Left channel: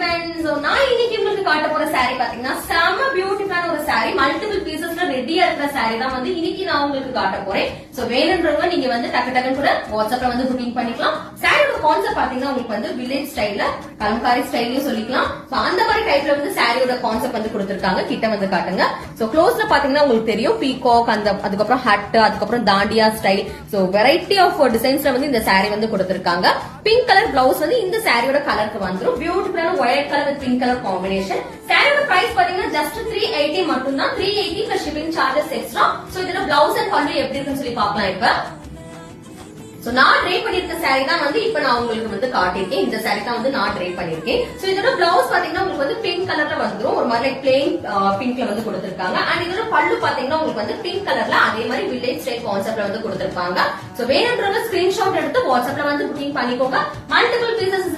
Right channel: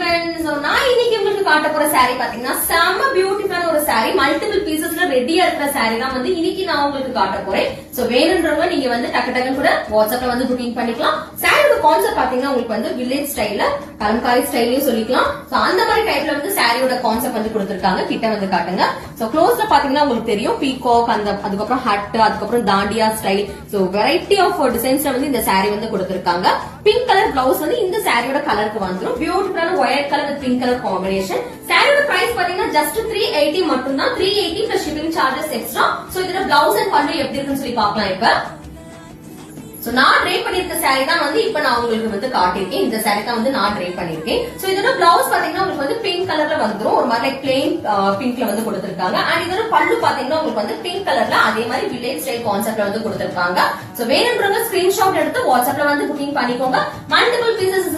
நான் இன்னைக்கு உங்களுக்கு காட்ட போற saree பாத்தீங்கன்னா செம்ம பியூட்டிஃபுல்லான ஒரு saree, மல்டிபிள் பீசஸ்ல ரெடியா இருக்கிற saree தான் வந்து இன்னைக்கு நான் உங்களுக்கு காட்ட போறேன். சோ வேணும்ன்றவங்க நீங்க வந்து டக்கு டக்குன்னு கூட வாட்ஸ்அப்ல வந்து புக்கிங் பண்ணிக்கலாம். சாரியோட கான்செப்ட் பாத்தீங்கன்னா உங்களுக்கு வந்து வில்லேஜ் ஸ்டைல்ல கலம்காரி ஸ்டைல்லயும் சொல்லிக்கலாம். சோ அந்த மாதிரி டைப்ல வந்து சாரியோட கான்செப்ட் வந்து கொடுத்திருக்காங்க. கிட்ட வந்து காட்டுங்க. சோ க்ளோஸ்ல பாத்தீங்கன்னா உங்களுக்கு தெரியும் பீகாக், அந்த அதுக்கப்புறம் ஹட், அதுக்கப்புறம் தாண்டியா ஸ்டைல். சோ வெரைட்டி ஆஃப் டிசைன்ஸ்ல வந்து இந்த saree வந்து கொடுத்திருக்காங்க. பிங்க் கலர் பிளவுஸ் வந்து இந்த சாரியோட கலருக்கு வந்துடும். பியூட்டிஃபுல்லான white colour with pink colour combination. சாரியோட பிரைஸ் பாத்தீங்கன்னா ஜஸ்ட் 380 மட்டும் தான். 380 plus shipping charges extra. So இதுல பிளவுஸ் அண்ட் பல்லு எப்படி இருக்குன்னு சொல்லி பார்க்கலாம். இப்ப சோ நான் ட்ரை பண்ணிருக்க saree தான் வந்து இப்ப நான் உங்களுக்கு வந்து காட்டிருக்கேன். இந்த saree தான் வந்து நான் ட்ரை பண்ணிருக்கேன். சோ இதோட பிளவுஸ் பாத்தீங்கன்னா உங்களுக்கு வந்து பிங்க் கலர்ல வந்துரும். ஒரு மாதிரி பிளெயின் பிங்க்ல வந்து கொடுத்திருக்காங்க. அண்ட் இதோட பல்லு பாத்தீங்கன்னா உங்களுக்கு வந்து பிங்க் கலர்ல அதே மாதிரி வில்லேஜ் ஸ்டைல் கான்செப்ட்ல வந்து கொடுத்திருக்காங்க. சோ வேணும்ன்றவங்க ஸ்கிரீன்ஷாட் எடுத்து வாட்ஸ்அப்ல வந்து புக்கிங் பண்ணிக்கோங்க. Multiple pieces